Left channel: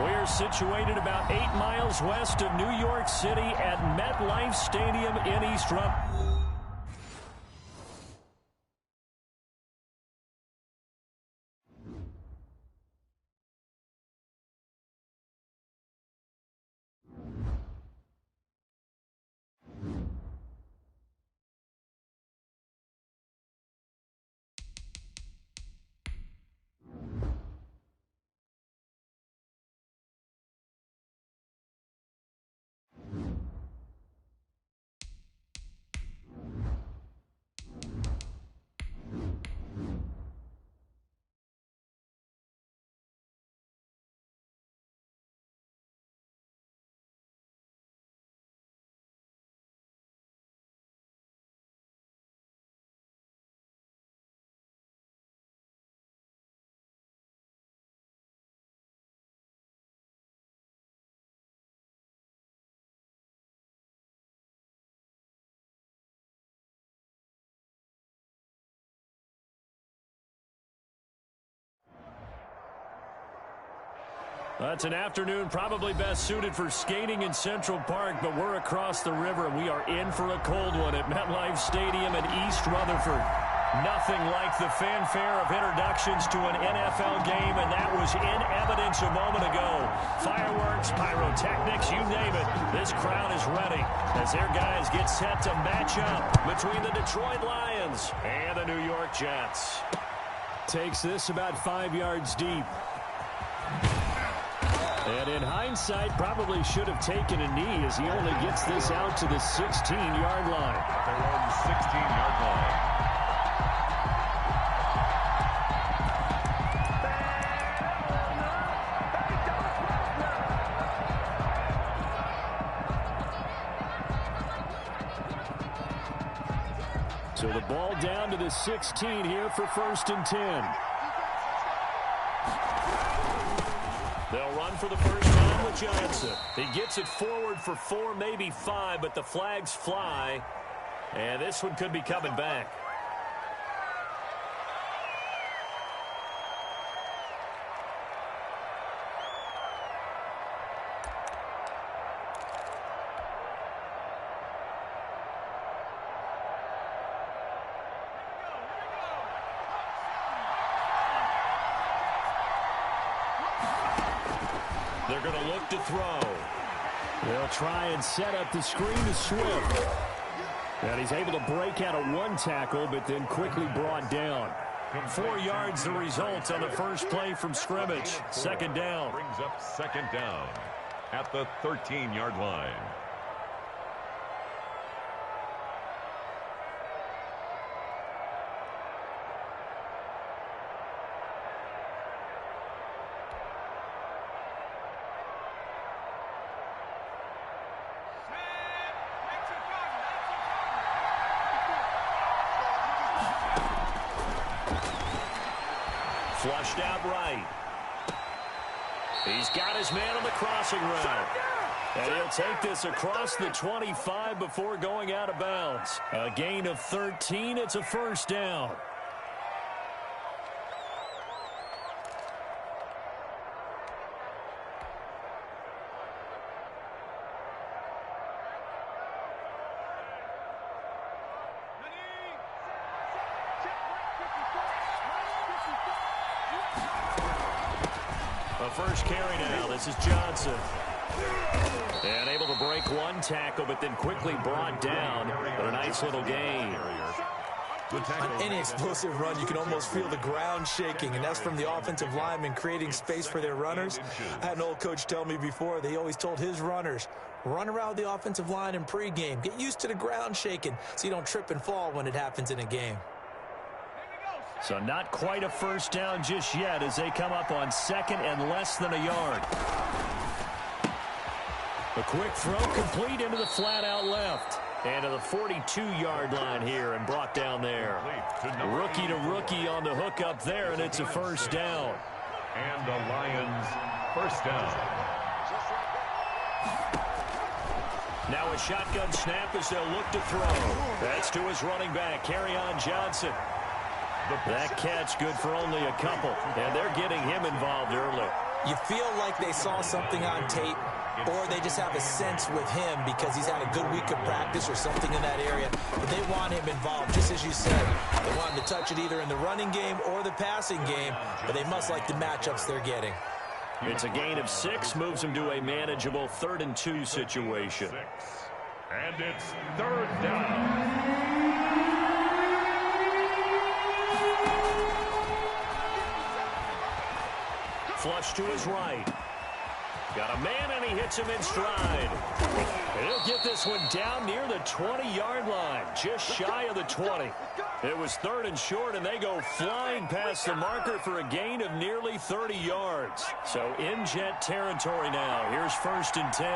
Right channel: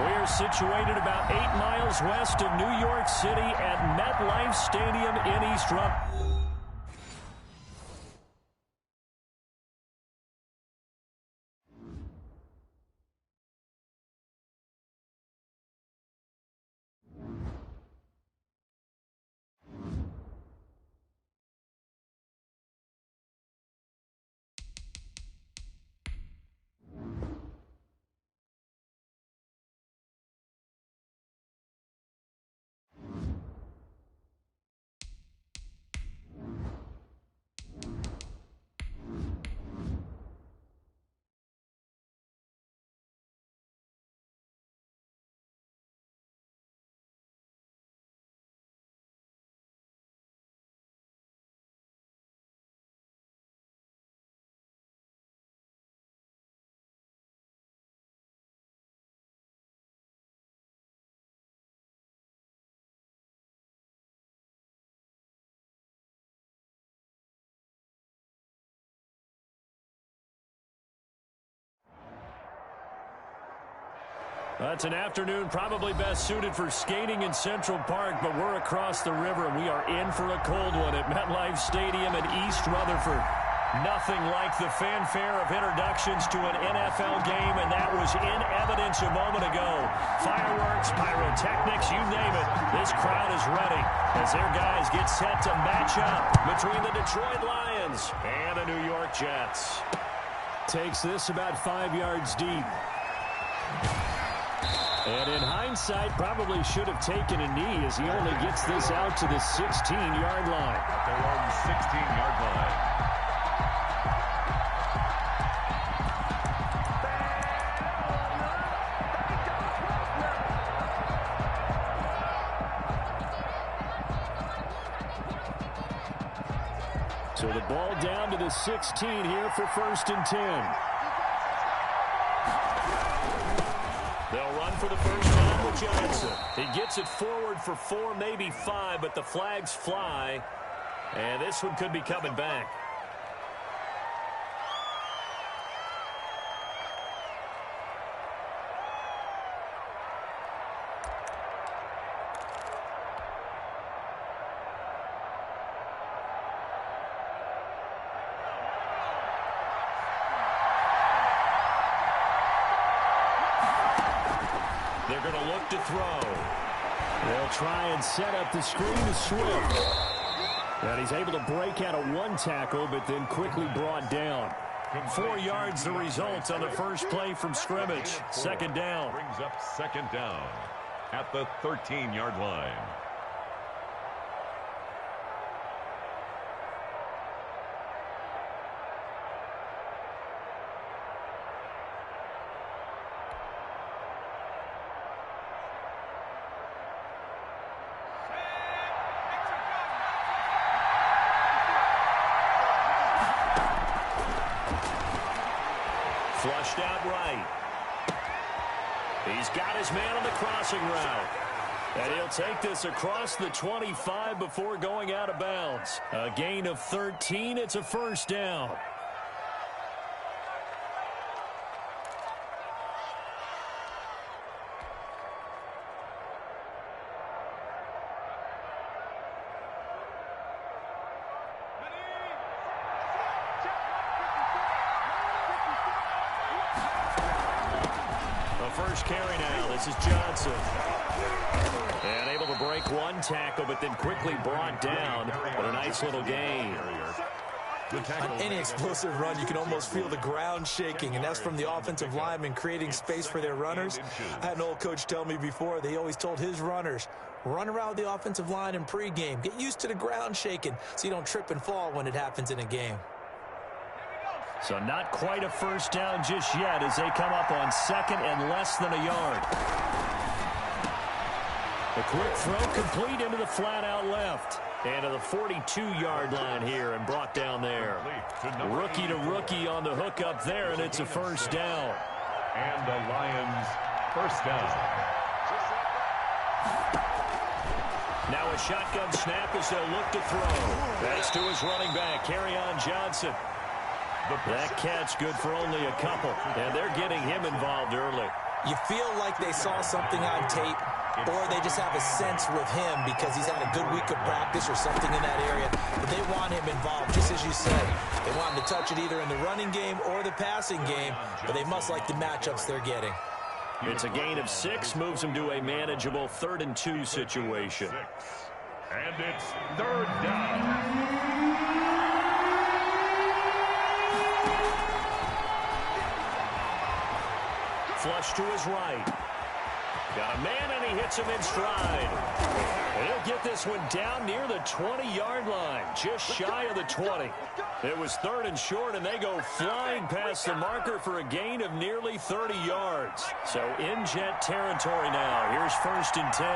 We are situated about 8 miles west of New York City at MetLife Stadium in East Rutherford. That's an afternoon probably best suited for skating in Central Park, but we're across the river, and we are in for a cold one at MetLife Stadium in East Rutherford. Nothing like the fanfare of introductions to an NFL game, and that was in evidence a moment ago. Fireworks, pyrotechnics, you name it. This crowd is ready as their guys get set to match up between the Detroit Lions and the New York Jets. Takes this about 5 yards deep. And in hindsight, probably should have taken a knee as he only gets this out to the 16-yard line. At their own 16-yard line. So the ball down to the 16 here for 1st and 10. They'll run for the first time with Johnson. He gets it forward for 4, maybe 5, but the flags fly. And this one could be coming back. They're going to look to throw. They'll try and set up the screen to Swift. And he's able to break out of one tackle, but then quickly brought down. 4 yards the result on the first play from scrimmage. 2nd down. Brings up 2nd down at the 13-yard line. Flushed out right. He's got his man on the crossing route. And he'll take this across the 25 before going out of bounds. A gain of 13. It's a 1st down. First carry now. This is Johnson. And able to break one tackle, but then quickly brought down. But a nice little gain. On any explosive run, you can almost feel the ground shaking, and that's from the offensive linemen creating space for their runners. I had an old coach tell me before, they always told his runners, run around the offensive line in pregame. Get used to the ground shaking so you don't trip and fall when it happens in a game. So not quite a 1st down just yet as they come up on 2nd and less than a yard. A quick throw complete into the flat out left. And to the 42-yard line here and brought down there. Rookie to rookie on the hook up there, and it's a 1st down. And the Lions 1st down. Now a shotgun snap as they'll look to throw. That's to his running back, Kerryon Johnson. That catch good for only a couple, and they're getting him involved early. You feel like they saw something on tape, or they just have a sense with him because he's had a good week of practice or something in that area. But they want him involved, just as you said. They want him to touch it either in the running game or the passing game, but they must like the matchups they're getting. It's a gain of 6, moves him to a manageable 3rd and 2 situation. And it's 3rd down. Flush to his right. Got a man, and he hits him in stride. And he'll get this one down near the 20-yard line, just shy of the 20. It was 3rd and short, and they go flying past the marker for a gain of nearly 30 yards. So in Jet territory now. Here's 1st and 10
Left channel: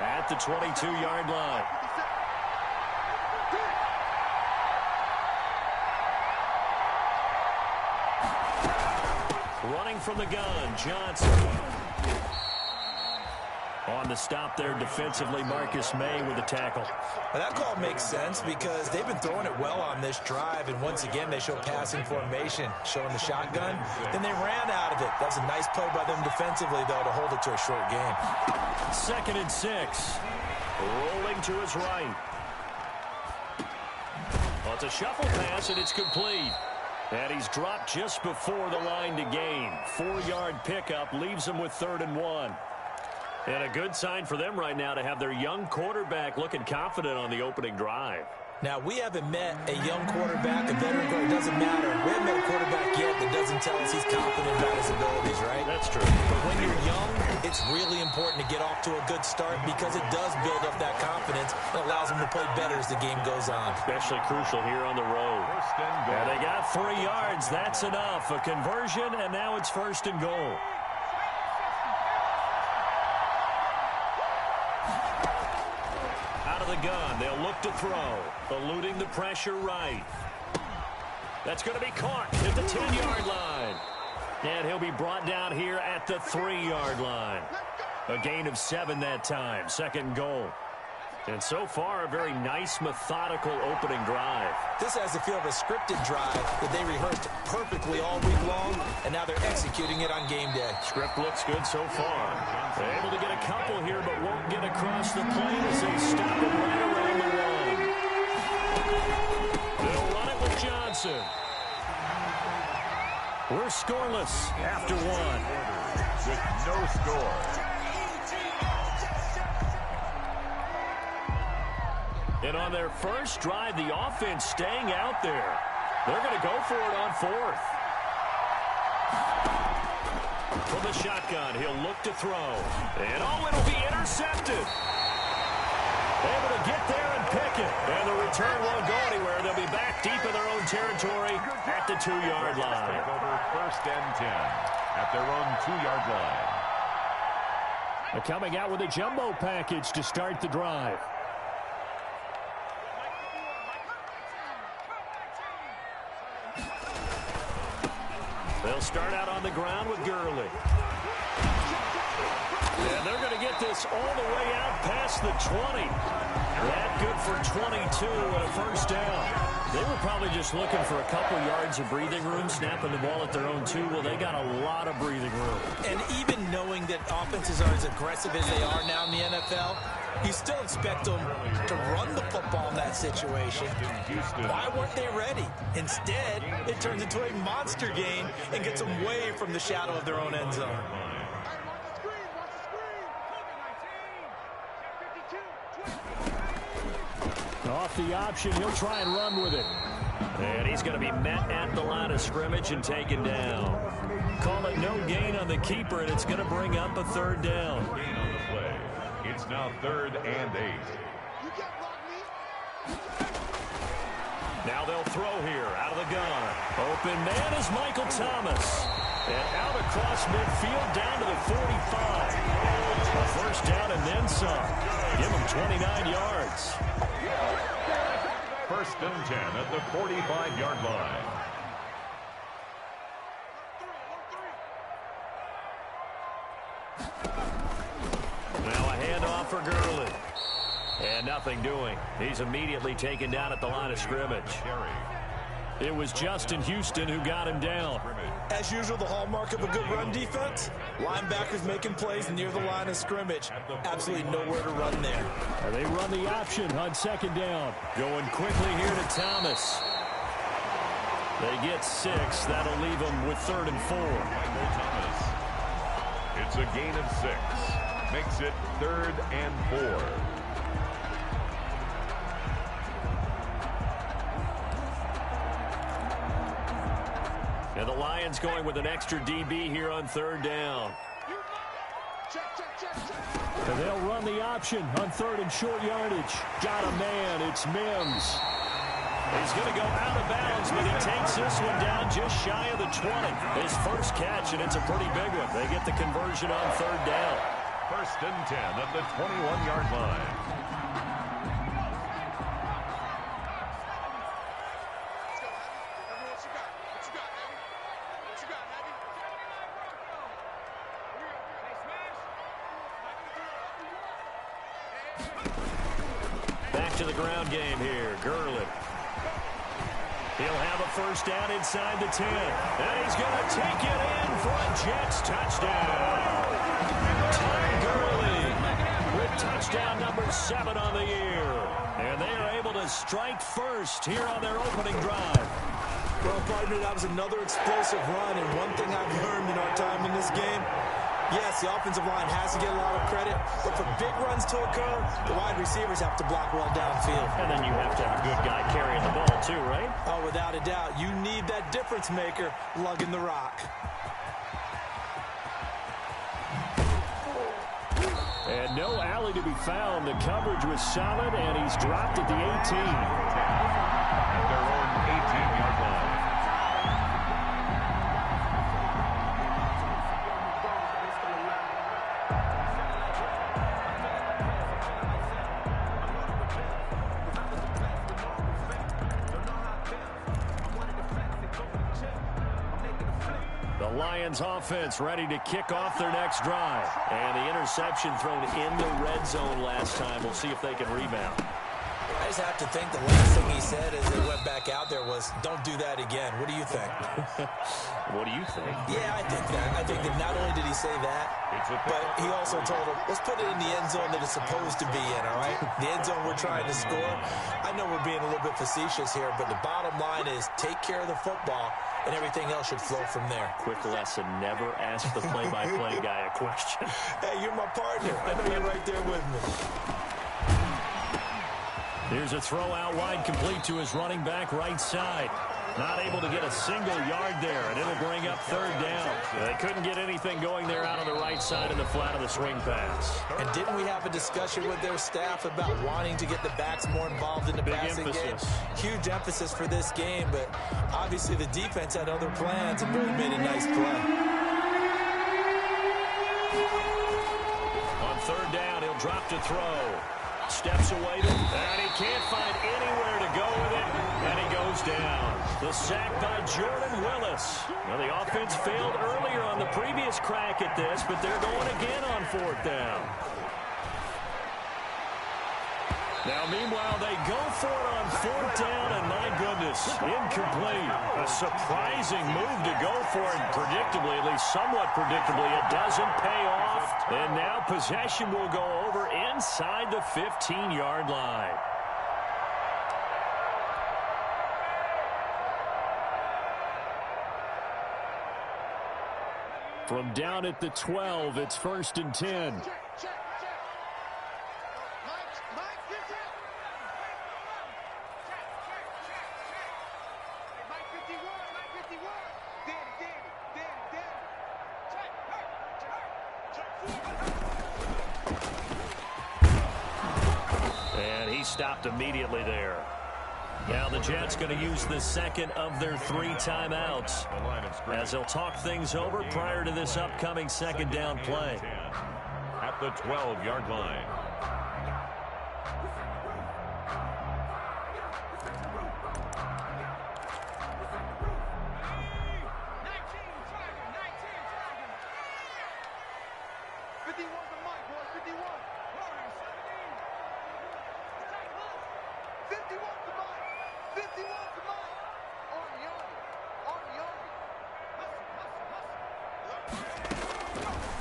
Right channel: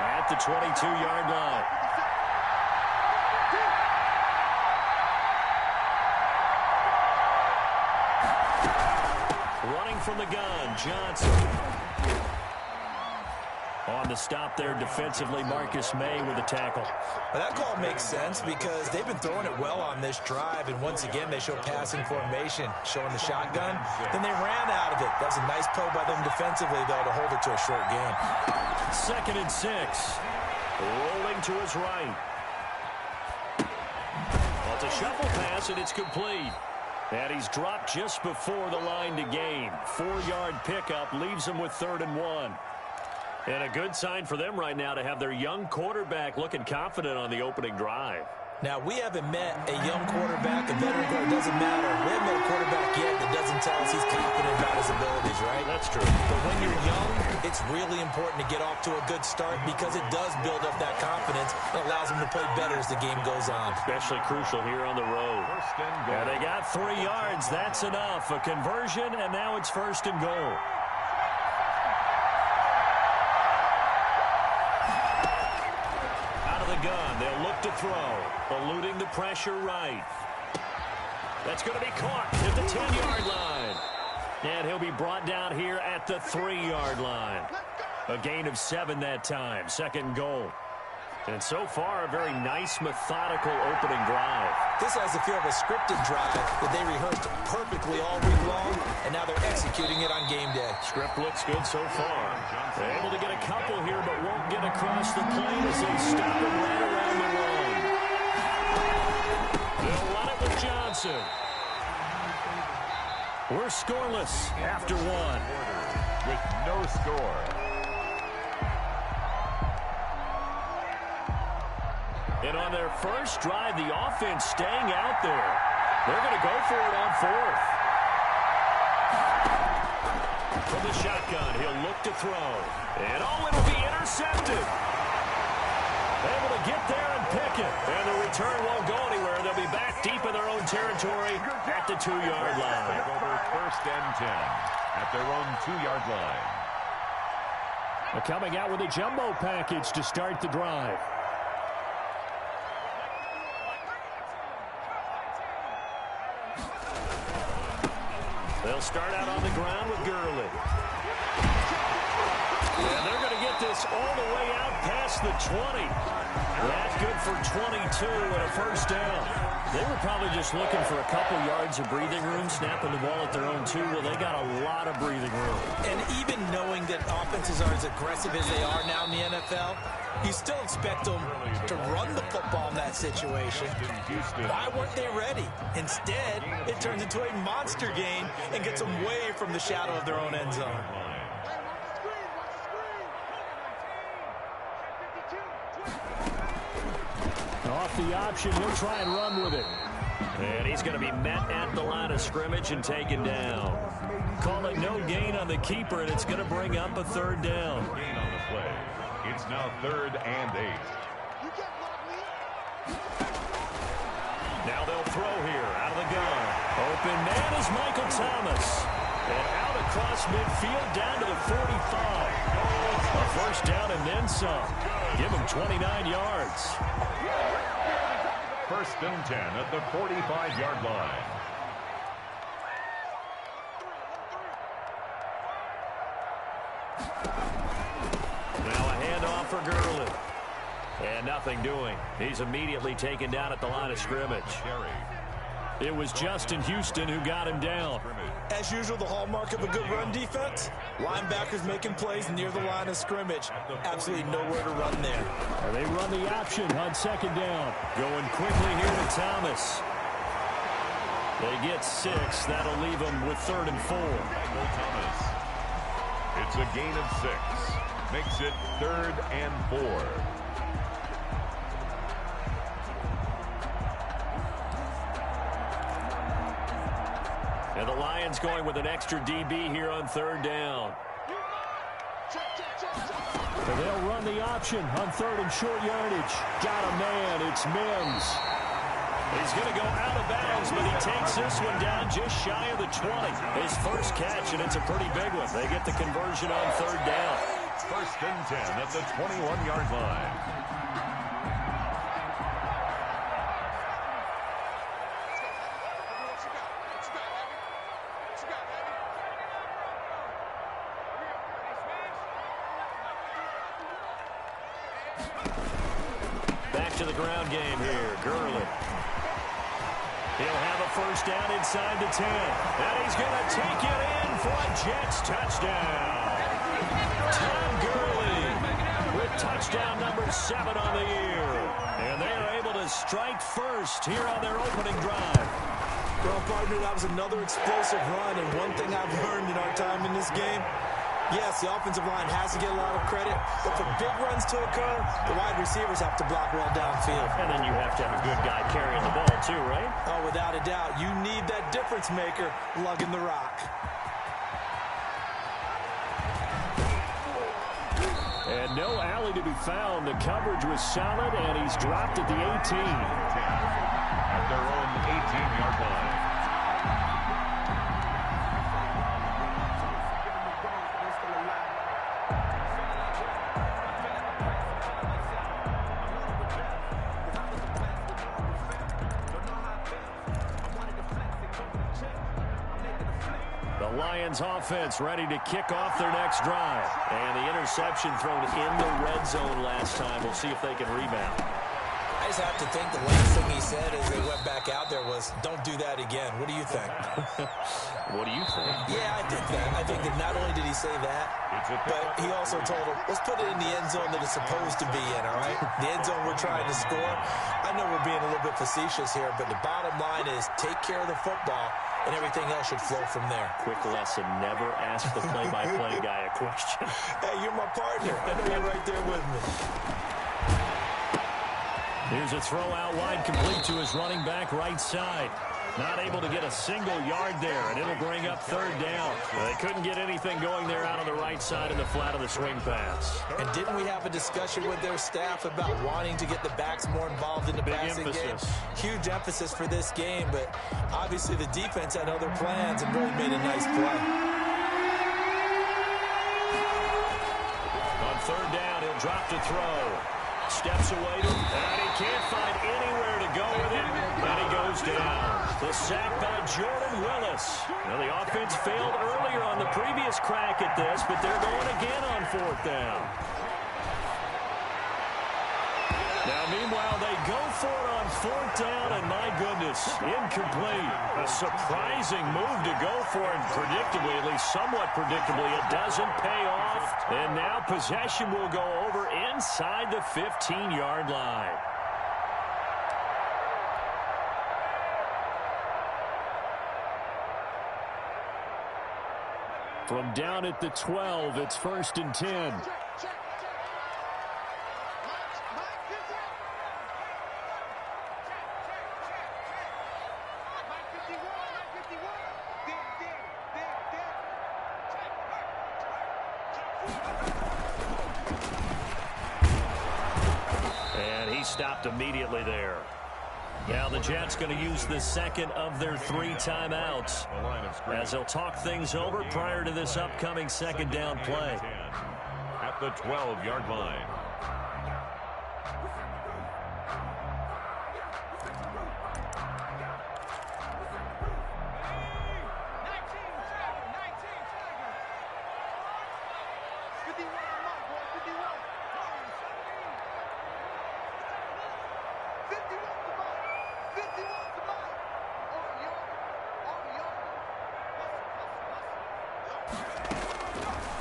at the 22-yard line. Running from the gun, Johnson. On the stop there defensively, Marcus May with the tackle. Well, that call makes sense because they've been throwing it well on this drive, and once again they show passing formation, showing the shotgun. Then they ran out of it. That was a nice play by them defensively, though, to hold it to a short game. 2nd and 6. Rolling to his right. Well, it's a shuffle pass, and it's complete. And he's dropped just before the line to gain. 4-yard pickup leaves him with 3rd and 1. And a good sign for them right now to have their young quarterback looking confident on the opening drive. Now, we haven't met a young quarterback, a veteran quarterback. It doesn't matter. We haven't met a quarterback yet that doesn't tell us he's confident about his abilities, right? That's true. But when you're young, it's really important to get off to a good start because it does build up that confidence and allows him to play better as the game goes on. Especially crucial here on the road. And they got 3 yards. That's enough. A conversion, and now it's 1st and goal. The gun, they'll look to throw, eluding the pressure right. That's going to be caught at the 10-yard line. And he'll be brought down here at the 3-yard line. A gain of 7 that time, 2nd goal. And so far, a very nice, methodical opening drive. This has the feel of a scripted drive that they rehearsed perfectly all week long, and now they're executing it on game day. Script looks good so far. They're able to get a couple here, but won't get across the plane as they stop it right around the one. They'll run it with Johnson. We're scoreless after 1. With no score. And on their first drive, the offense staying out there. They're going to go for it on 4th. From the shotgun, he'll look to throw. And it'll be intercepted. Able to get there and pick it. And the return won't go anywhere. They'll be back deep in their own territory at the 2-yard line. Over 1st and 10 at their own 2-yard line. They're coming out with a jumbo package to start the drive. They'll start out on the ground with Gurley. And they're going to get this all the way out past the 20. That good for 22 and a 1st down. They were probably just looking for a couple yards of breathing room, snapping the ball at their own 2. Well, they got a lot of breathing room. And even knowing that offenses are as aggressive as they are now in the NFL, you still expect them to run the football in that situation. Why weren't they ready? Instead, it turns into a monster gain and gets them way from the shadow of their own end zone. Off the option, he'll try and run with it. And he's going to be met at the line of scrimmage and taken down. Call it no gain on the keeper, and it's going to bring up a 3rd down. Gain on the play. It's now 3rd and 8. Now they'll throw here out of the gun. Open man is Michael Thomas. And out across midfield down to the 45. A 1st down and then some. Give him 29 yards. 1st and 10 at the 45-yard line. Now a handoff for Gurley. And nothing doing. He's immediately taken down at the line of scrimmage. It was Justin Houston who got him down. As usual, the hallmark of a good run defense, linebackers making plays near the line of scrimmage. Absolutely nowhere to run there. And they run the option on second down. Going quickly here to Thomas. They get 6. That'll leave them with 3rd and 4. Michael Thomas. It's a gain of 6. Makes it 3rd and 4. And the Lions going with an extra DB here on 3rd down. And they'll run the option on 3rd and short yardage. Got a man. It's Mims. He's going to go out of bounds, but he takes this one down just shy of the 20. His first catch, and it's a pretty big one. They get the conversion on 3rd down. 1st and 10 at the 21-yard line. Back to the ground game here. Gurley. He'll have a first down inside the 10. And he's going to take it in for a Jets touchdown. Tom Gurley with touchdown number 7 on the year. And they are able to strike first here on their opening drive. Well, partner, that was another explosive run. And one thing I've learned in our time in this game, yes, the offensive line has to get a lot of credit, but for big runs to occur, the wide receivers have to block well downfield. And then you have to have a good guy carrying the ball too, right? Oh, without a doubt. You need that difference maker lugging the rock. And no alley to be found. The coverage was solid, and he's dropped at the 18. At their own 18-yard line. The Lions offense ready to kick off their next drive. And the interception thrown in the red zone last time. We'll see if they can rebound. I just have to think the last thing he said as they went back out there was, don't do that again. What do you think? What do you think? Yeah, I think that. I think that not only did he say that, but he also told him, let's put it in the end zone that it's supposed to be in, all right? The end zone we're trying to score. I know we're being a little bit facetious here, but the bottom line is take care of the football, and everything else should flow from there. Quick lesson, never ask the play-by-play guy a question. Hey, you're my partner. I know you're right there with me. Here's a throw out wide, complete to his running back right side. Not able to get a single yard there, and it'll bring up 3rd down. They couldn't get anything going there out on the right side in the flat of the swing pass. And didn't we have a discussion with their staff about wanting to get the backs more involved in the passing game? Huge emphasis for this game, but obviously the defense had other plans and really made a nice play. On 3rd down, he'll drop to throw. Steps away to him, and he can't find anywhere to go with it, and he goes down. The sack by Jordan Willis. Now, the offense failed earlier on the previous crack at this, but they're going again on 4th down. Now, meanwhile, they go for it on 4th down, and my goodness, incomplete. A surprising move to go for it, predictably, at least somewhat predictably. It doesn't pay off, and now possession will go over inside the 15-yard line. From down at the 12, it's 1st and 10. And he stopped immediately there. Now the Jets going to use the second of their 3 timeouts as they'll talk things over prior to this upcoming 2nd down play. At the 12-yard line.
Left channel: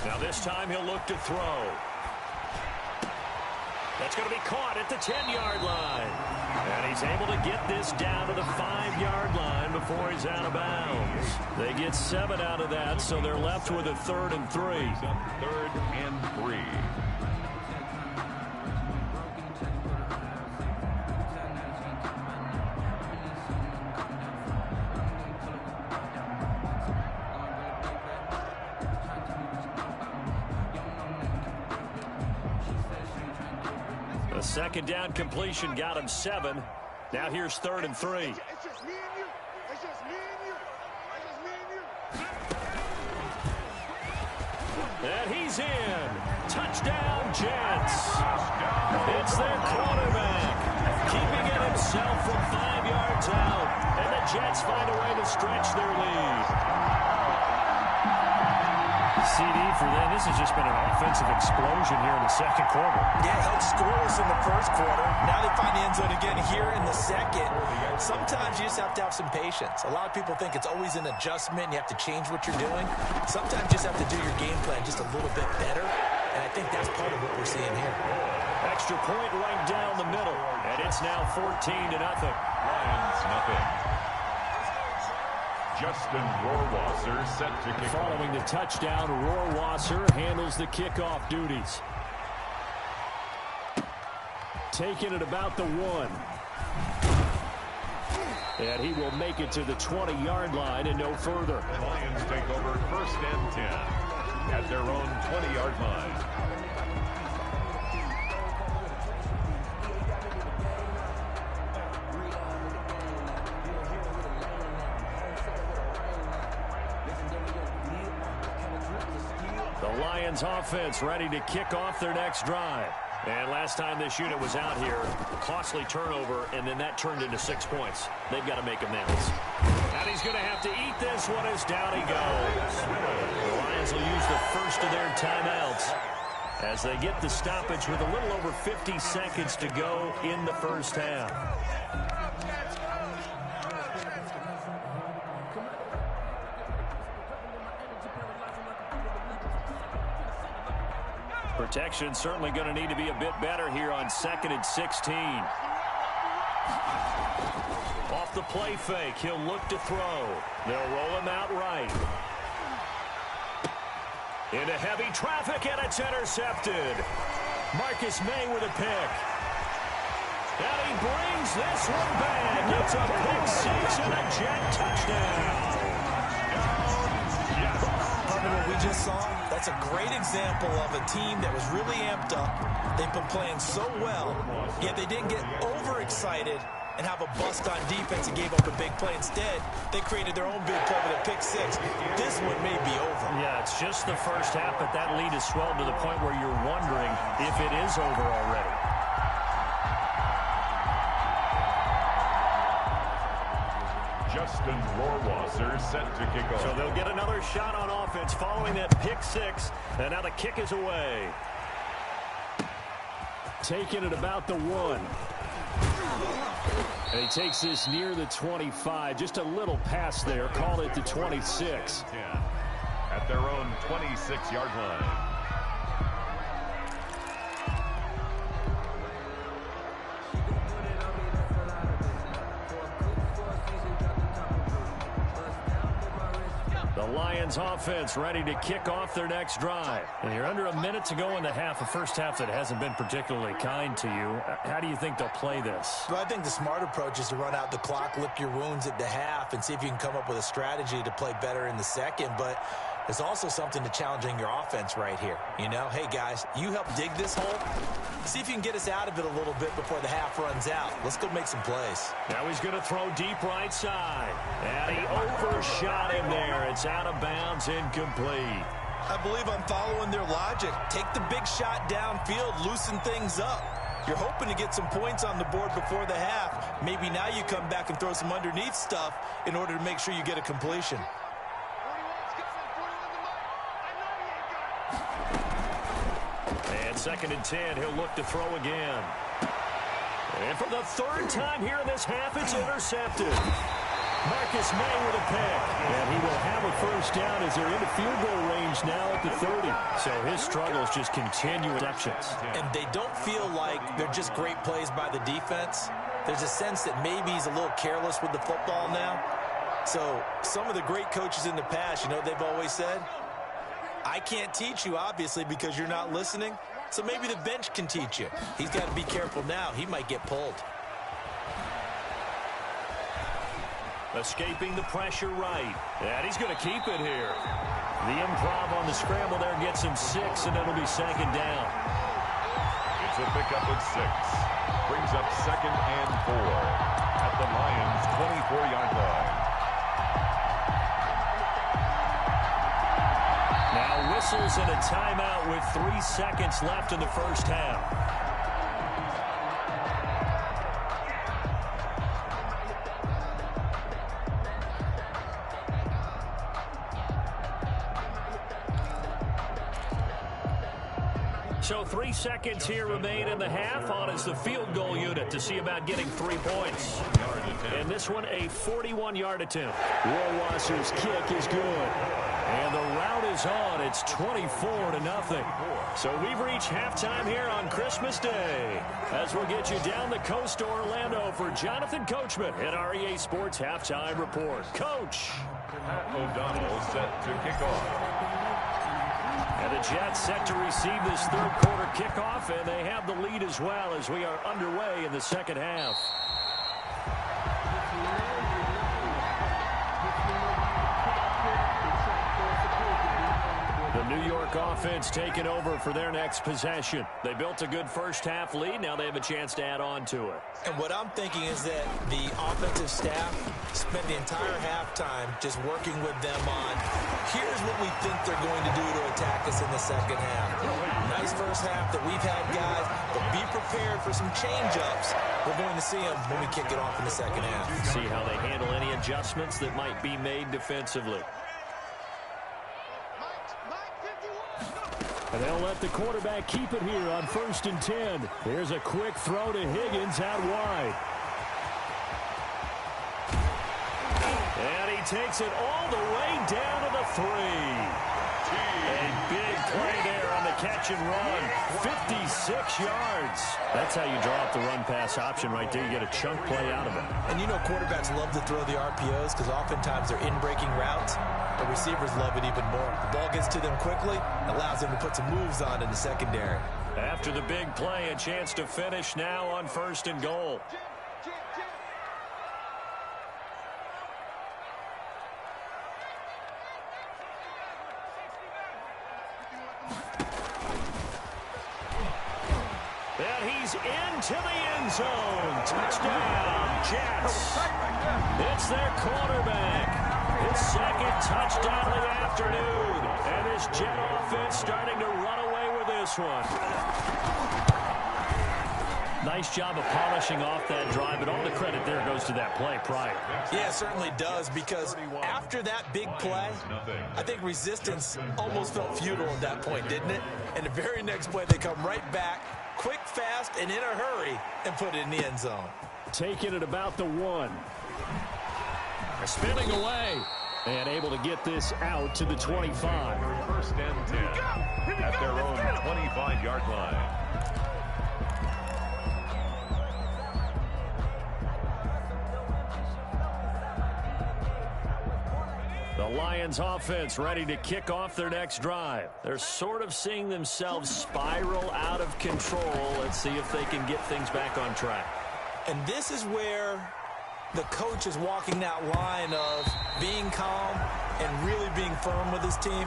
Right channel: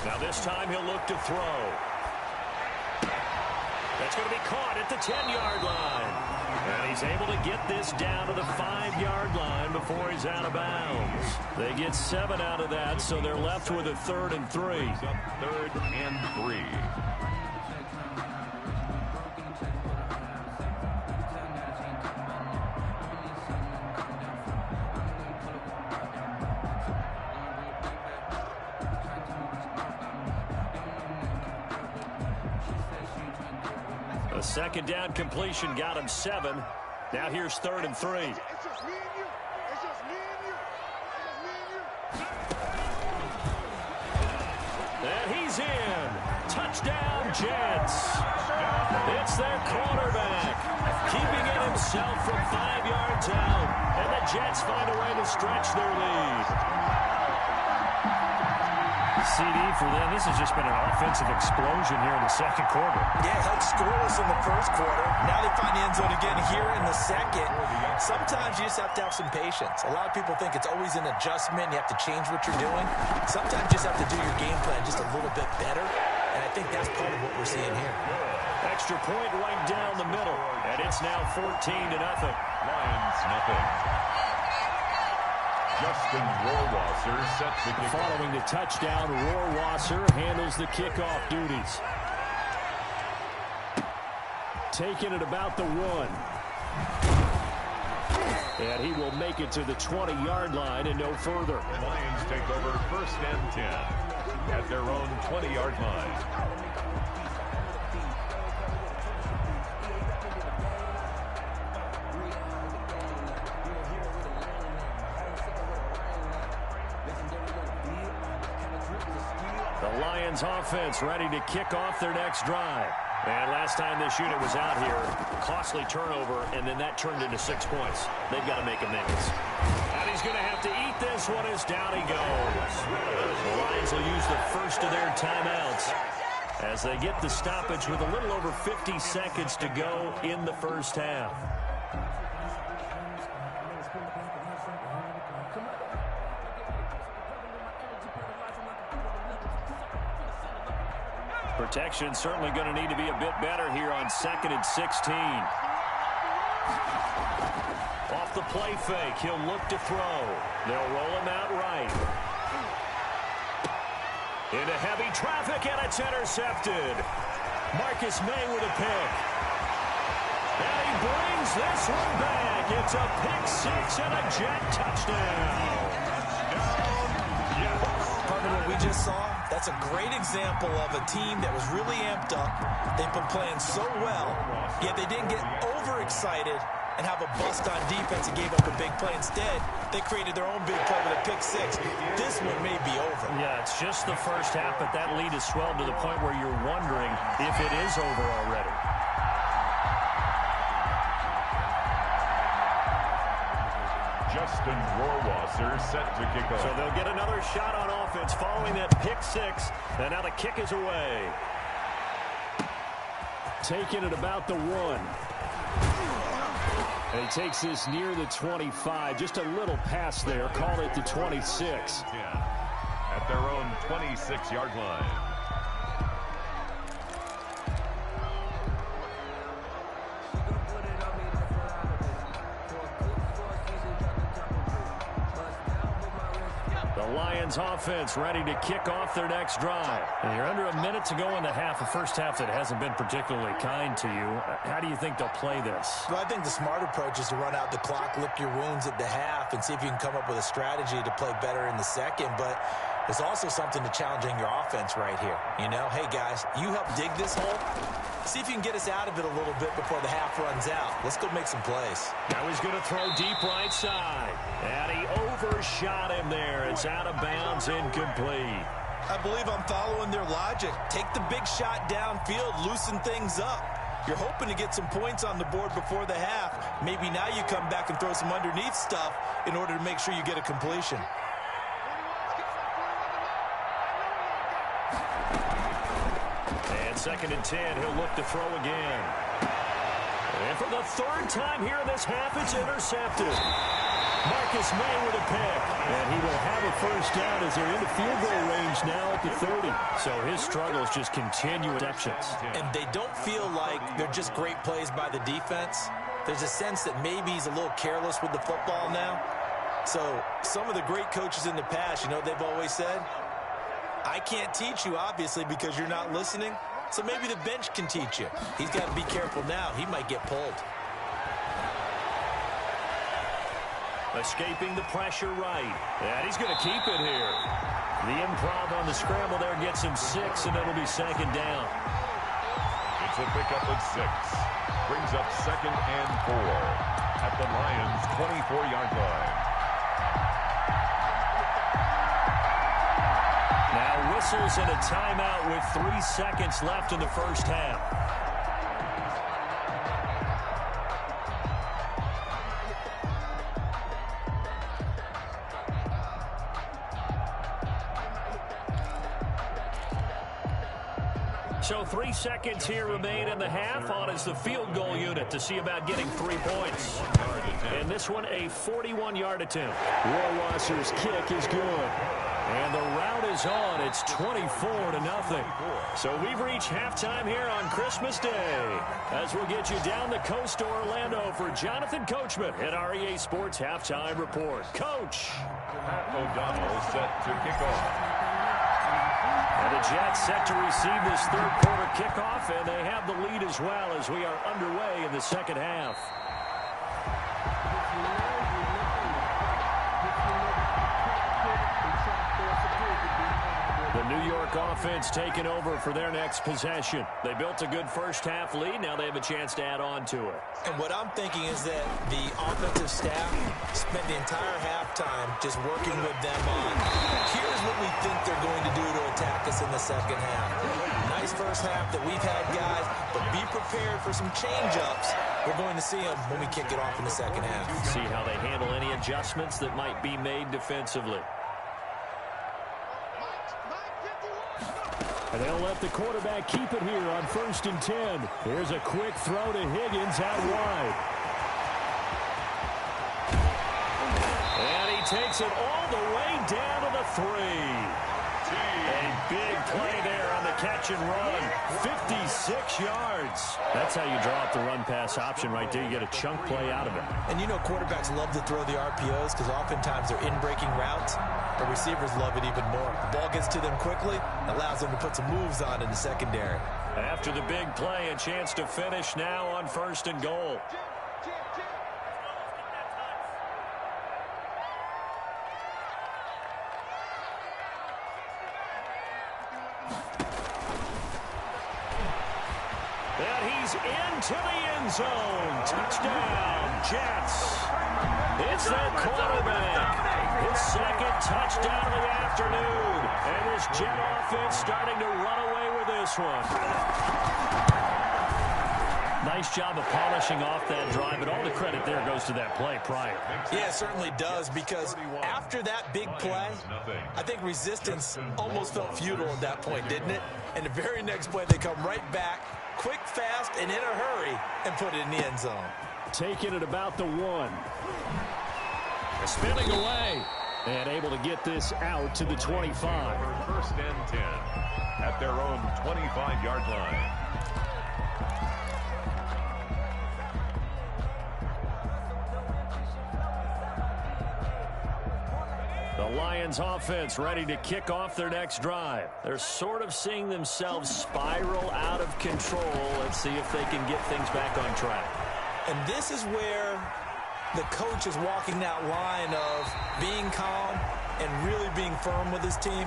Now this time he'll look to throw. That's going to be caught at the 10-yard line. And he's able to get this down to the 5-yard line before he's out of bounds. They get 7 out of that, so they're left with a 3rd and 3. 3rd and 3. A second down completion got him 7. Now here's 3rd and 3. It's just me and you. It's just me and you. It's just me and you. And he's in. Touchdown, Jets. It's their quarterback, keeping it himself from 5 yards out. And the Jets find a way to stretch their lead. CD for them. This has just been an offensive explosion here in the second quarter. Yeah, held scoreless in the first quarter. Now they find the end zone again here in the second. Sometimes you just have to have some patience. A lot of people think it's always an adjustment. You have to change what you're doing. Sometimes you just have to do your game plan just a little bit better. And I think that's part of what we're seeing here. Extra point right down the middle. And it's now 14-0. Lions, nothing. Justin Rohrwasser set to kick off. Following the touchdown, Rohrwasser handles the kickoff duties. Taking it about the 1. And he will make it to the 20-yard line and no further. The Lions take over 1st and 10 at their own 20-yard line. The Lions offense ready to kick off their next drive. And last time this unit was out here, costly turnover, and then that turned into 6 points. They've got to make amends. And he's going to have to eat this one as down he goes. The Lions will use the first of their timeouts as they get the stoppage with a little over 50 seconds to go in the first half. Protection certainly going to need to be a bit better here on 2nd and 16. Off the play fake, he'll look to throw. They'll roll him out right. Into heavy traffic, and it's intercepted. Marcus May with a pick. And he brings this one back. It's a pick 6 and a Jet touchdown. Partner, what we just saw, that's a great example of a team that was really amped up. They've been playing so well, yet they didn't get overexcited and have a bust on defense and gave up a big play. Instead, they created their own big play with a pick 6. This one may be over. Yeah, it's just the first half, but that lead has swelled to the point where you're wondering if it is over already. Justin Rohrwasser set to kick off. So they'll get another shot on offense following that pick 6, and now the kick is away. Taking it about the 1. And he takes this near the 25. Just a little pass there. Called it the 26. 10 at their own 26-yard line. The Lions offense ready to kick off their next drive. And you're under a minute to go in the half, a first half that hasn't been particularly kind to you. How do you think they'll play this? Well, I think the smart approach is to run out the clock, lick your wounds at the half, and see if you can come up with a strategy to play better in the second. But there's also something to challenging your offense right here. You know, hey, guys, you help dig this hole. See if you can get us out of it a little bit before the half runs out. Let's go make some plays. Now he's going to throw deep right side. And he overshot him there. It's out of bounds, incomplete. I believe I'm following their logic. Take the big shot downfield, loosen things up. You're hoping to get some points on the board before the half. Maybe now you come back and throw some underneath stuff in order to make sure you get a completion. And 2nd and 10, he'll look to throw again. And for the 3rd time here in this half, it's intercepted. Marcus May with a pick. And he will have a first down as they're into field goal range now at the 30. So his struggles just continue exceptions. And they don't feel like they're just great plays by the defense. There's a sense that maybe he's a little careless with the football now. So some of the great coaches in the past, you know what they've always said? I can't teach you, obviously, because you're not listening. So maybe the bench can teach you. He's got to be careful now. He might get pulled. Escaping the pressure right. And he's going to keep it here. The improv on the scramble there gets him 6, and it'll be second down. It's a pickup of 6. Brings up 2nd and 4 at the Lions' 24-yard line. Now whistles and a timeout with 3 seconds left in the first half. So 3 seconds here remain in the half. On is the field goal unit to see about getting 3 points. And this one a 41-yard attempt. Rohrwasser's kick is good. And the route is on. It's 24-0. So we've reached halftime here on Christmas Day. As we'll get you down the coast to Orlando for Jonathan Coachman at our EA Sports Halftime Report. Coach. Pat O'Donnell set to kick off. And the Jets set to receive this third quarter kickoff, and they have the lead as well as we are underway in the second half. The New York offense taking over for their next possession. They built a good first-half lead. Now they have a chance to add on to it. And what I'm thinking is that the offensive staff spent the entire halftime just working with them on, here's what we think they're going to do to attack us in the second half. Nice first half that we've had, guys, but be prepared for some change-ups. We're going to see them when we kick it off in the second half. See how they handle any adjustments that might be made defensively. And they'll let the quarterback keep it here on 1st and 10. Here's a quick throw to Higgins out wide. And he takes it all the way down to the 3. A big play there on the catch and run. 56 yards. That's how you draw up the run-pass option right there. You get a chunk play out of it. And you know quarterbacks love to throw the RPOs because oftentimes they're in-breaking routes. But receivers love it even more. The ball gets to them quickly, allows them to put some moves on in the secondary. After the big play, a chance to finish now on 1st and goal. And he's into the end zone. Touchdown, Jets. It's their quarterback. His second touchdown of the afternoon. And this Jet offense starting to run away with this one. Nice job of polishing off that drive, but all the credit there goes to that play prior. Yeah, it certainly does, because after that big play, I think resistance almost felt futile at that point, didn't it? And the very next play, they come right back, quick, fast, and in a hurry, and put it in the end zone. Taking it about the 1. Spinning away. And able to get this out to the 25. 1st and 10 at their own 25-yard line. The Lions offense ready to kick off their next drive. They're sort of seeing themselves spiral out of control. Let's see if they can get things back on track. And this is where the coach is walking that line of being calm and really being firm with his team.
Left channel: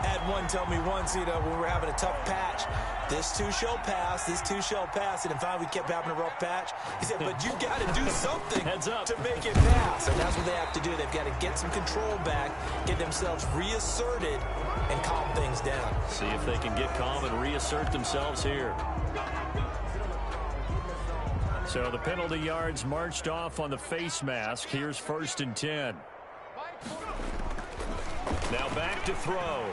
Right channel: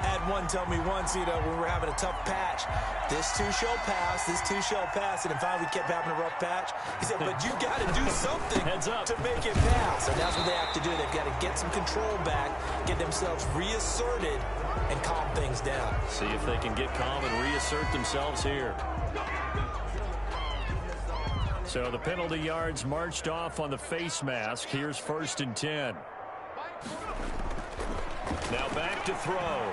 I had one tell me once, you know, when we were having a tough patch, this too shall pass, this too shall pass. And finally we kept having a rough patch. He said, but you got to do something Heads up. to make it pass. And that's what they have to do. They've got to get some control back, get themselves reasserted, and calm things down. See if they can get calm and reassert themselves here. So the penalty yards marched off on the face mask. Here's 1st and 10. Now back to throw.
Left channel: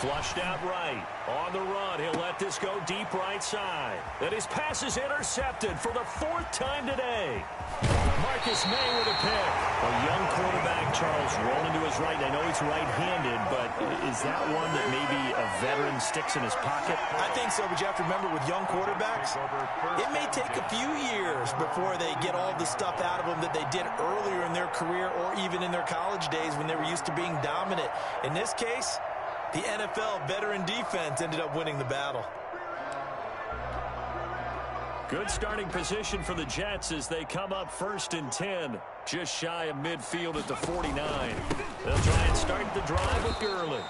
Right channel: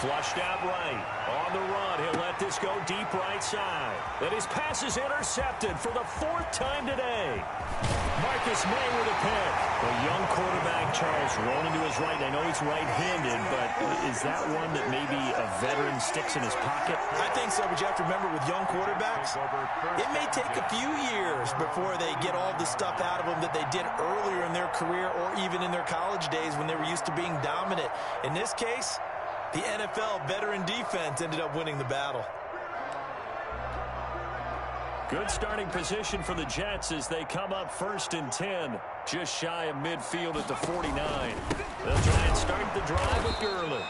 Flushed out right. On the run, he'll let this go deep right side. And his pass is intercepted for the 4th time today. Marcus May with a pick. A young quarterback, Charles, rolling to his right. I know he's right-handed, but is that one that maybe a veteran sticks in his pocket? I think so, but you have to remember with young quarterbacks, it may take a few years before they get all the stuff out of them that they did earlier in their career or even in their college days when they were used to being dominant. In this case, the NFL veteran defense ended up winning the battle. Good starting position for the Jets as they come up 1st and 10, just shy of midfield at the 49. They'll try and start the drive with Gurley.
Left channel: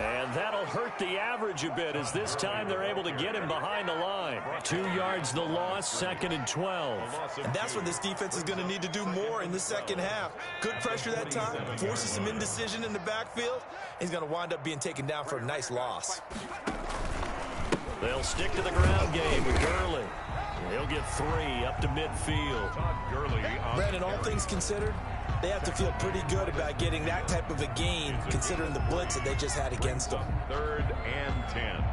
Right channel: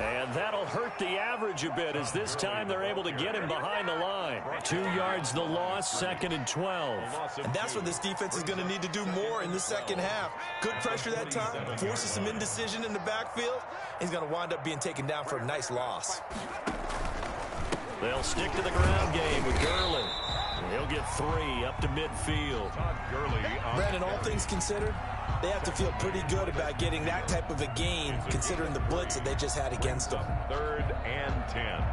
And that'll hurt the average a bit as this time they're able to get him behind the line. 2 yards the loss, 2nd and 12. And that's what this defense is going to need to do more in the second half. Good pressure that time, forces some indecision in the backfield. He's going to wind up being taken down for a nice loss. They'll stick to the ground game with Gurley. He'll get 3 up to midfield. Brandon, all things considered, they have to feel pretty good about getting that type of a gain considering the blitz that they just had against them. 3rd and 10.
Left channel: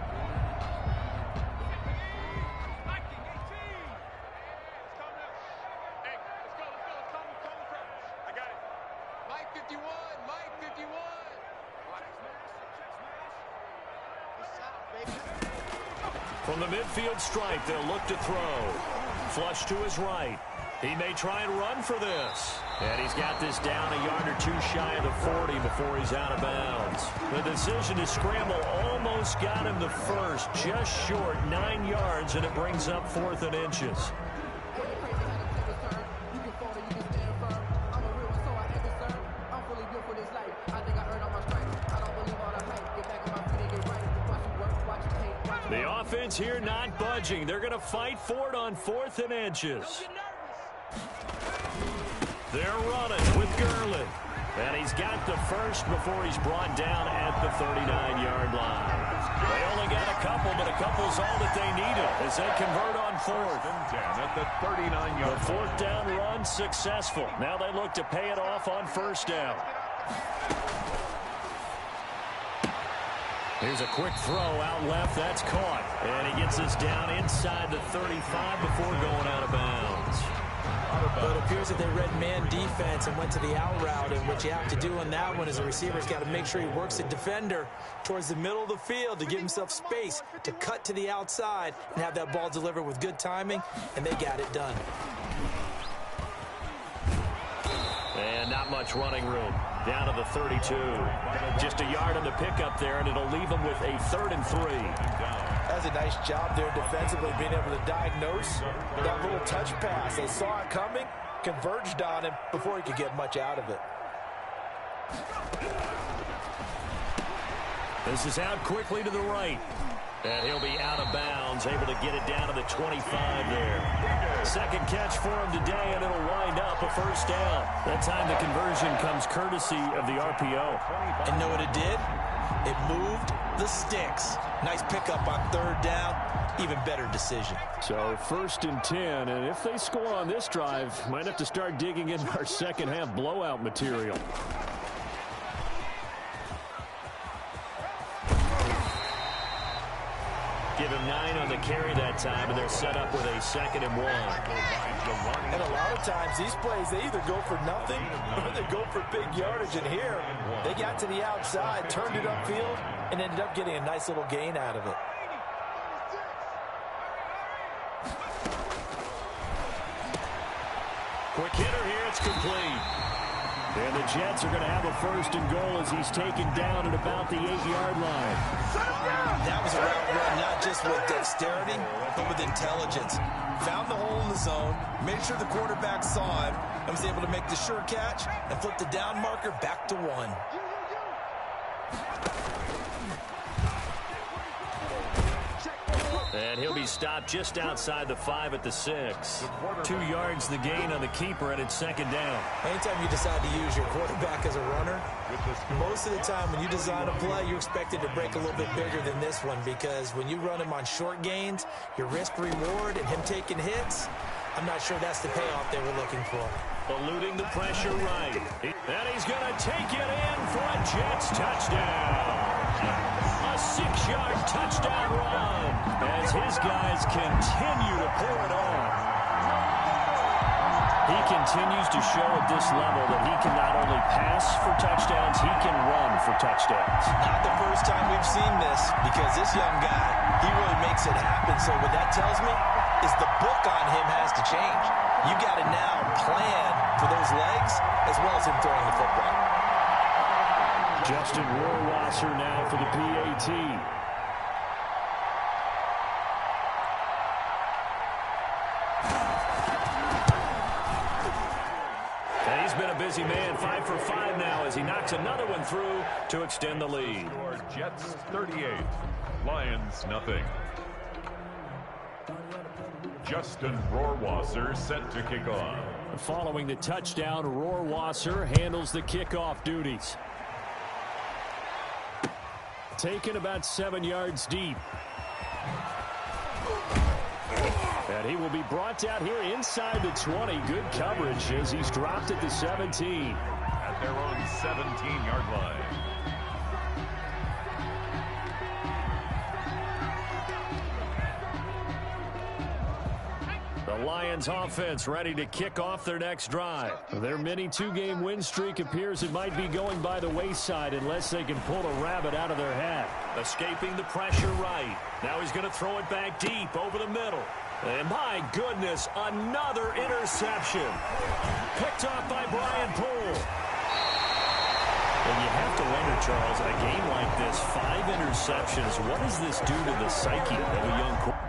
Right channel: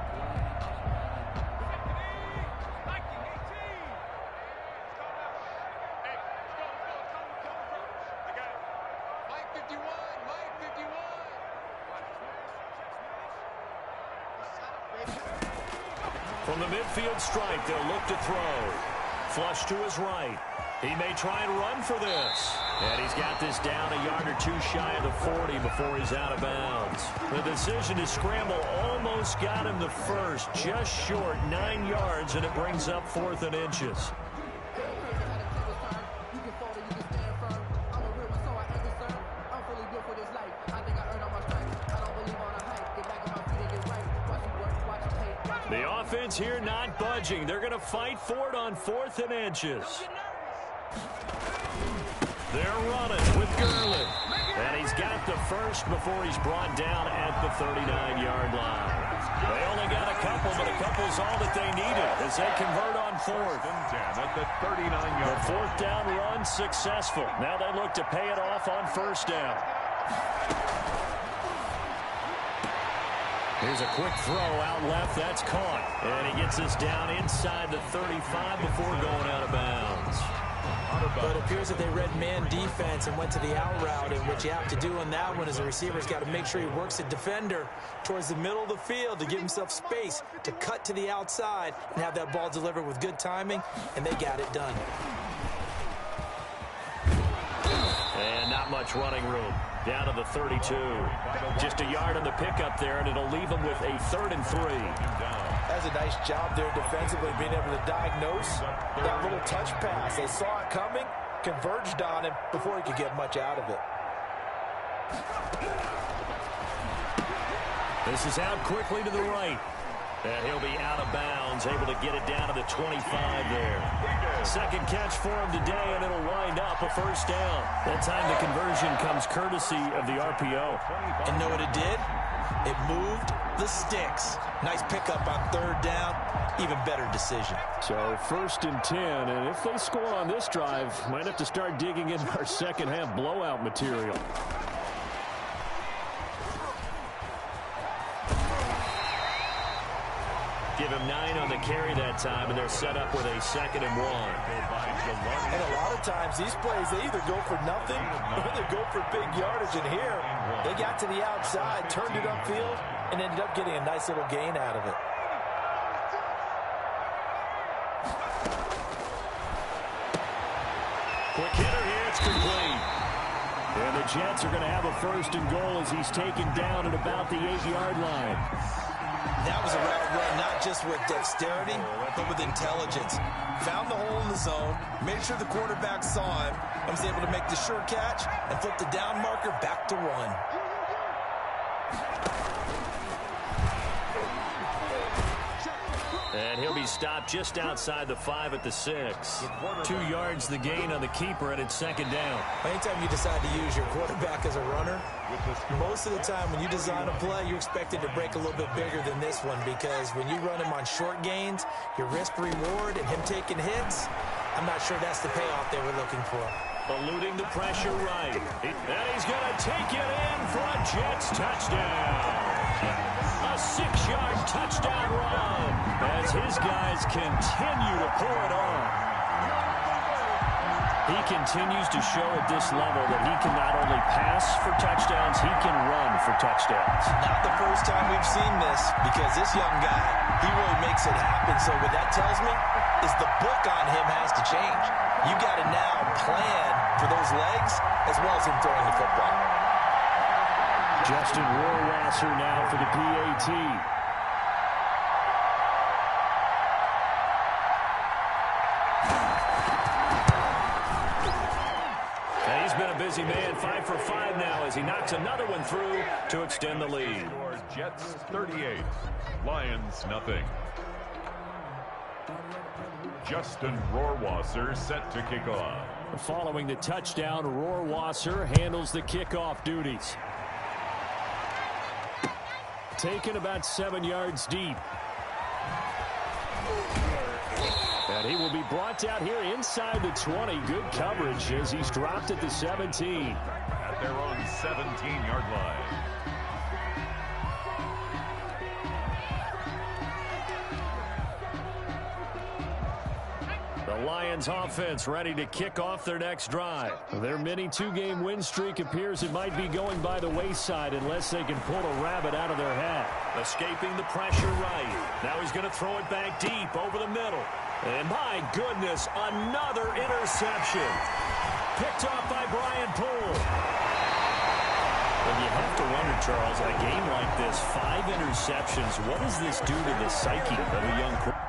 From the midfield stripe, they'll look to throw. Flush to his right. He may try and run for this. And he's got this down a yard or 2 shy of the 40 before he's out of bounds. The decision to scramble almost got him the first, just short 9 yards, and it brings up 4th and inches. The offense here not budging. They're going to fight for it on 4th and inches. They're running with Gurley. And he's got the first before he's brought down at the 39-yard line. They only got a couple, but a couple's all that they needed as they convert on 4th. And 10 at the 39-yard. The 4th down run successful. Now they look to pay it off on 1st down. Here's a quick throw out left. That's caught. And he gets us down inside the 35 before going out of bounds. But it appears that they read man defense and went to the out route. And what you have to do on that one is a receiver's got to make sure he works the defender towards the middle of the field to give himself space to cut to the outside and have that ball delivered with good timing. And they got it done. And not much running room. Down to the 32. Just a yard on the pickup there, and it'll leave them with a 3rd and 3. That's a nice job there defensively, being able to diagnose that little touch pass. They saw it coming, converged on him before he could get much out of it. This is out quickly to the right. And he'll be out of bounds, able to get it down to the 25 there. Second catch for him today, and it'll wind up a 1st down. That time the conversion comes courtesy of the RPO. And know what it did? It moved the sticks. Nice pickup on 3rd down. Even better decision. So 1st and 10, and if they score on this drive, might have to start digging into our second half blowout material. Give him 9 on the carry that time, and they're set up with a 2nd and 1. And a lot of times, these plays, they either go for nothing or they go for big yardage. And here, they got to the outside, turned it upfield, and ended up getting a nice little gain out of it. Quick hitter here, it's complete. And the Jets are going to have a 1st and goal as he's taken down at about the 8-yard line. That was a route run, not just with dexterity, but with intelligence. Found the hole in the zone, made sure the quarterback saw him, and was able to make the sure catch and flip the down marker back to 1. And he'll be stopped just outside the 5 at the 6. 2 yards the gain on the keeper, and it's 2nd down. Anytime you decide to use your quarterback as a runner, most of the time when you design a play, you're expected to break a little bit bigger than this one, because when you run him on short gains, your risk-reward and him taking hits, I'm not sure that's the payoff they were looking for. Eluding the pressure right. And he's going to take it in foot, Jets touchdown. A 6-yard touchdown run as his guys continue to pour it on. He continues to show at this level that he can not only pass for touchdowns, he can run for touchdowns. Not the first time we've seen this, because this young guy, he really makes it happen. So what that tells me is the book on him has to change. You got to now plan for those legs as well as him throwing the football. Justin Rohrwasser now for the PAT. And he's been a busy man, 5 for 5 now as he knocks another one through to extend the lead. Score Jets 38, Lions nothing. Justin Rohrwasser set to kick off. Following the touchdown, Rohrwasser handles the kickoff duties. Taken about 7 yards deep. And he will be brought out here inside the 20. Good coverage as he's dropped at the 17. At their own 17-yard line. The Lions offense ready to kick off their next drive. Their mini 2-game win streak appears it might be going by the wayside unless they can pull a rabbit out of their hat. Escaping the pressure right. Now he's going to throw it back deep over the middle. And my goodness, another interception. Picked off by Brian Poole. And you have to wonder, Charles, in a game like this, 5 interceptions, what does this do to the psyche of a young quarterback?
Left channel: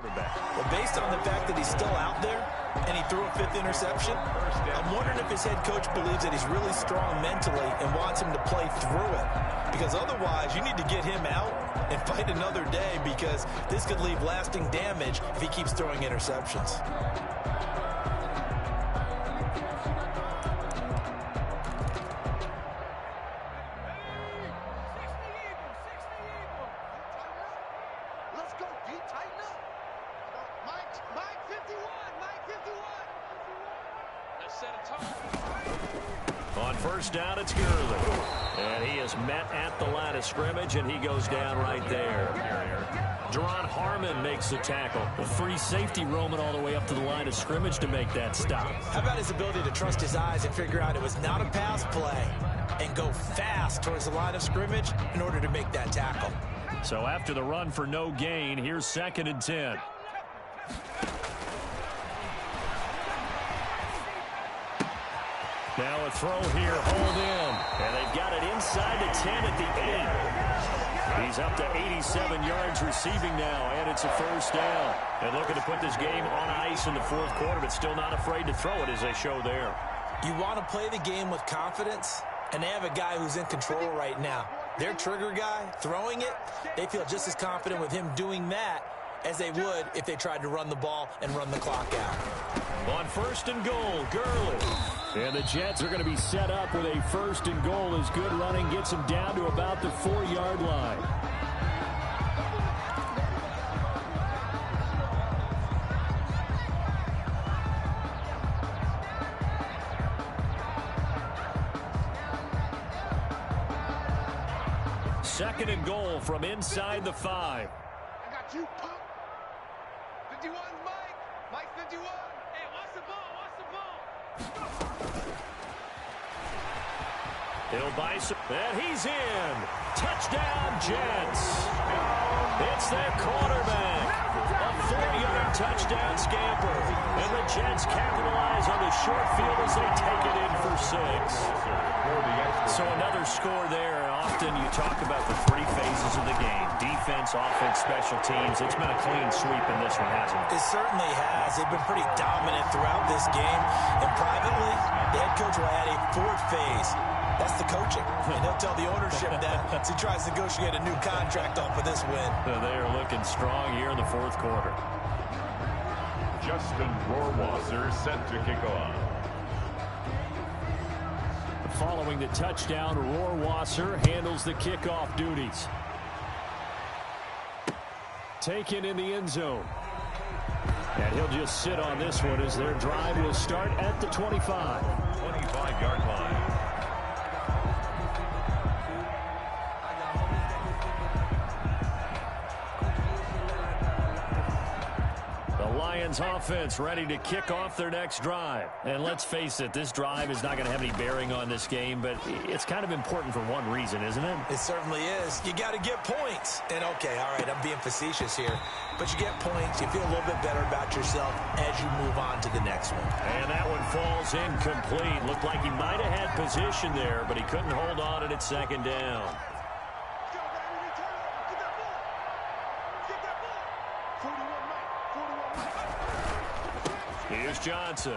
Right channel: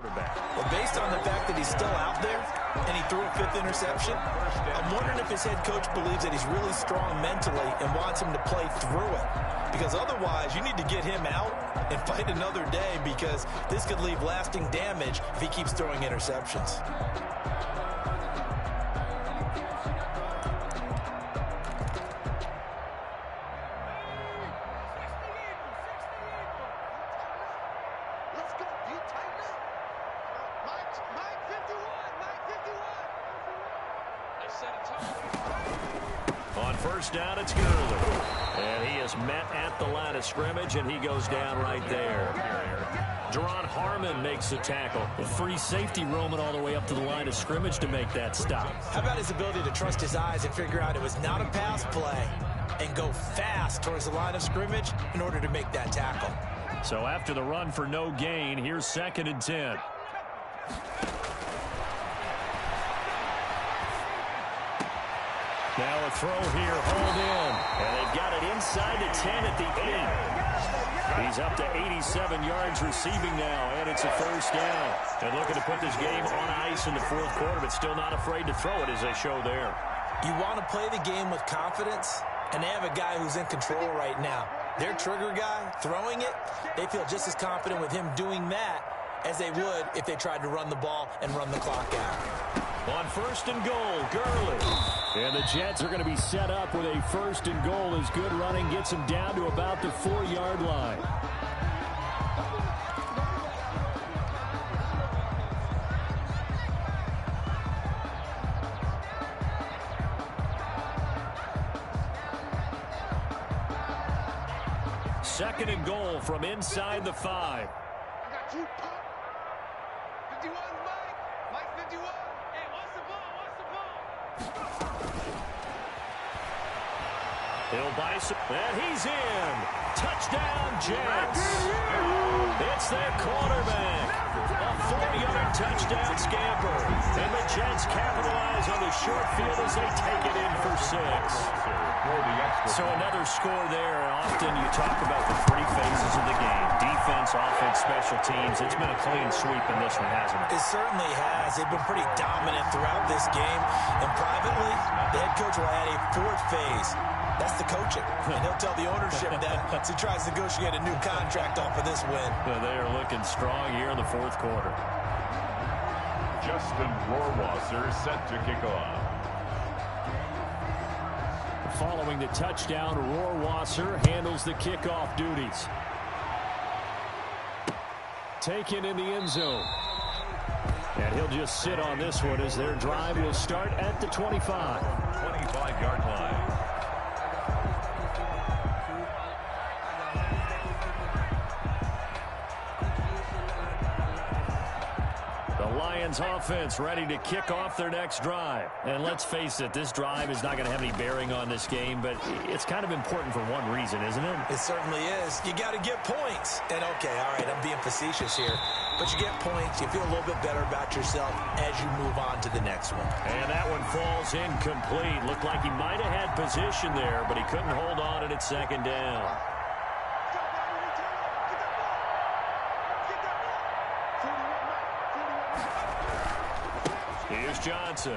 Well, based on the fact that he's still out there and he threw a 5th interception, I'm wondering if his head coach believes that he's really strong mentally and wants him to play through it. Because otherwise, you need to get him out and fight another day, because this could leave lasting damage if he keeps throwing interceptions. On first down, it's Gurley. And he is met at the line of scrimmage, and he goes down right there. Jerron Harmon makes the tackle. A free safety roaming all the way up to the line of scrimmage to make that stop. How about his ability to trust his eyes and figure out it was not a pass play and go fast towards the line of scrimmage in order to make that tackle? So after the run for no gain, here's 2nd and 10. Now a throw here, hold in. And they've got it inside the 10 at the 8. He's up to 87 yards receiving now, and it's a first down. And looking to put this game on ice in the 4th quarter, but still not afraid to throw it, as they show there. You want to play the game with confidence, and they have a guy who's in control right now. Their trigger guy, throwing it, they feel just as confident with him doing that as they would if they tried to run the ball and run the clock out. On 1st and goal, Gurley. And the Jets are going to be set up with a 1st and goal as good running gets them down to about the 4-yard line. Second and goal from inside the 5. I got you, punk. 51, Mike. Mike 51. Hey, watch the ball. Watch the ball. He'll buy some, and he's in. Touchdown, Jets. It's their quarterback. A 4-yard touchdown scamper. And the Jets capitalize on the short field as they take it in for 6. So another score there, and often you talk about the 3 phases of the game. Defense, offense, special teams. It's been a clean sweep in this one, hasn't it? It certainly has. They've been pretty dominant throughout this game. And privately, the head coach will add a 4th phase. That's the coaching. And he'll tell the ownership that as he tries to negotiate a new contract off of this win. They are looking strong here in the 4th quarter. Justin Rohrwasser set to kick off. Following the touchdown, Rohrwasser handles the kickoff duties. Taken in the end zone. And he'll just sit on this one as their drive will start at the 25. 25-yard line. Lions offense ready to kick off their next drive. And let's face it, this drive is not going to have any bearing on this game, but it's kind of important for one reason, isn't it? It certainly is. You got to get points. And okay, all right, I'm being facetious here, but you get points, you feel a little bit better about yourself as you move on to the next one. And that one falls incomplete. Looked like he might have had position there, but he couldn't hold on at 2nd down. Here's Johnson.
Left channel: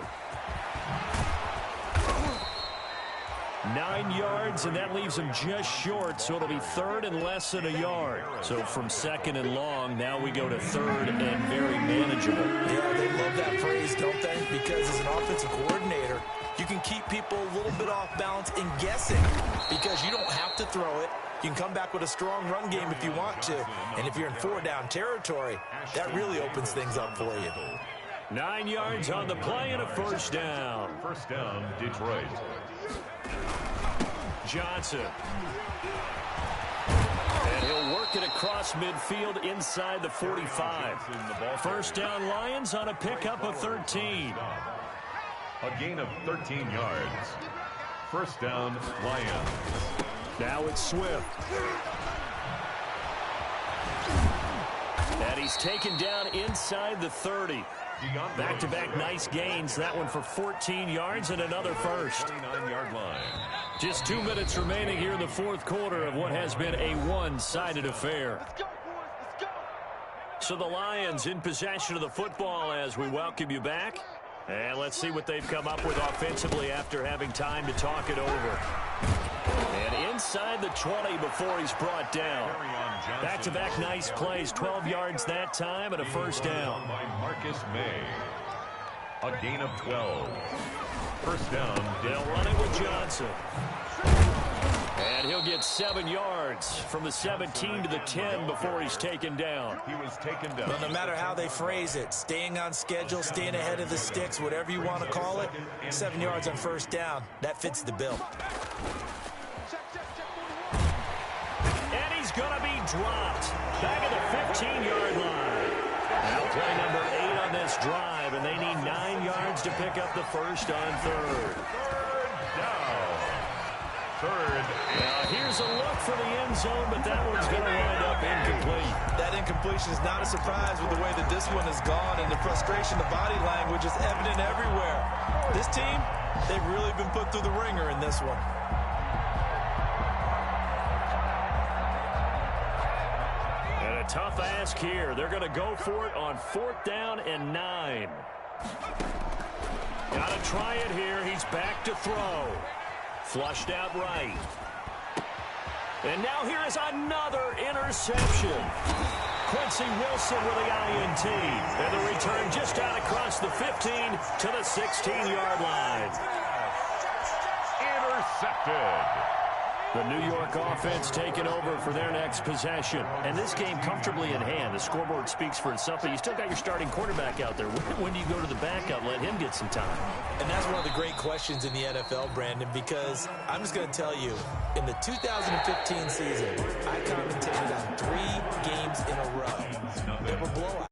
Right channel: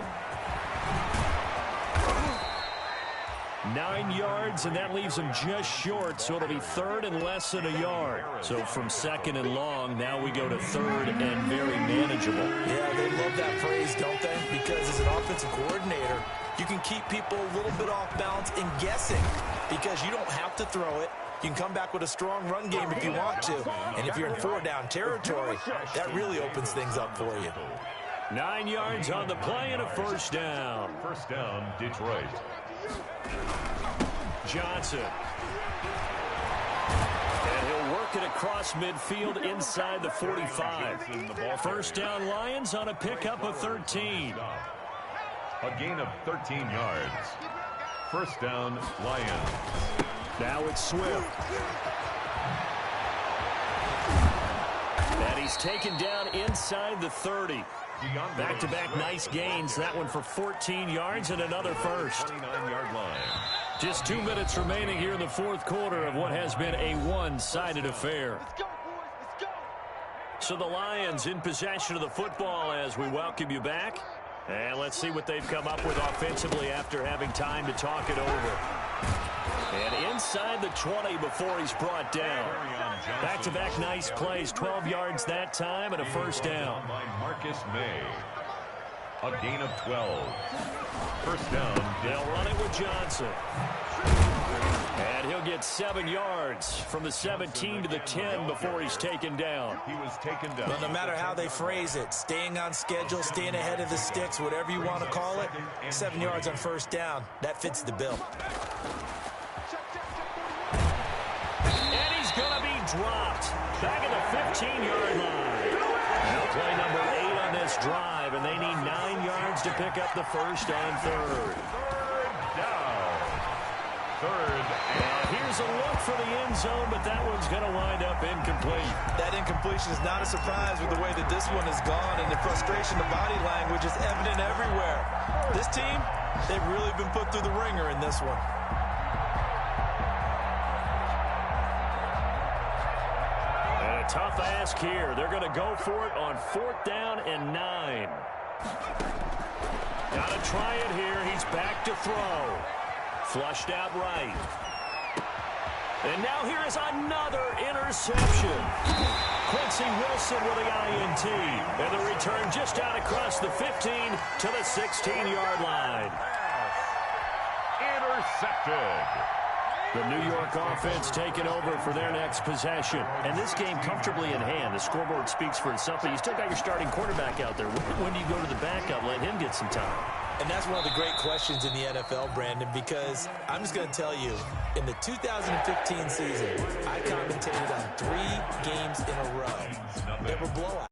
9 yards, and that leaves him just short, so it'll be 3rd and less than a yard. So from 2nd and long, now we go to 3rd and very manageable. Yeah, they love that phrase, don't they? Because as an offensive coordinator, you can keep people a little bit off balance and guessing because you don't have to throw it. You can come back with a strong run game if you want to. And if you're in 4-down territory, that really opens things up for you. 9 yards on the play and a 1st down. 1st down, Detroit. Johnson. And he'll work it across midfield inside the 45. 1st down, Lions on a pickup of 13. A gain of 13 yards. 1st down, Lions. Now it's Swift. And he's taken down inside the 30. Back-to-back nice gains. That one for 14 yards and another first. 29-yard line. Just 2 minutes remaining here in the 4th quarter of what has been a one-sided affair. Let's go, boys. Let's go. So the Lions in possession of the football as we welcome you back. And let's see what they've come up with offensively after having time to talk it over. And inside the 20 before he's brought down. Back-to-back nice plays, 12 yards that time and a first down. By Marcus May. A gain of 12. First down. They'll run it with Johnson. And he'll get 7 yards from the 17 to the 10 before he's taken down. He was taken down. Well, no matter how they phrase it, staying on schedule, staying ahead of the sticks, whatever you want to call it, 7 yards on first down, that fits the bill. And he's going to be dropped. Back at the 15-yard line. Now play number 8 on this drive, and they need 9 yards to pick up the first on third. Third down. Third. Now here's a look for the end zone, but that one's going to wind up incomplete. That incompletion is not a surprise with the way that this one has gone, and the frustration, the body language is evident everywhere. This team, they've really been put through the ringer in this one. And a tough ask here. They're going to go for it on 4th down and 9. Got to try it here. He's back to throw. Flushed out right. And now here is another interception. Quincy Wilson with the INT. And the return just out across the 15 to the 16-yard line. Intercepted. The New York offense taking over for their next possession. And this game comfortably in hand. The scoreboard speaks for itself, but you still got your starting quarterback out there. When do you go to the backup? Let him get some time. And that's one of the great questions in the NFL, Brandon, because I'm just going to tell you, in the 2015 season, I commentated on 3 games in a row. They were blowouts.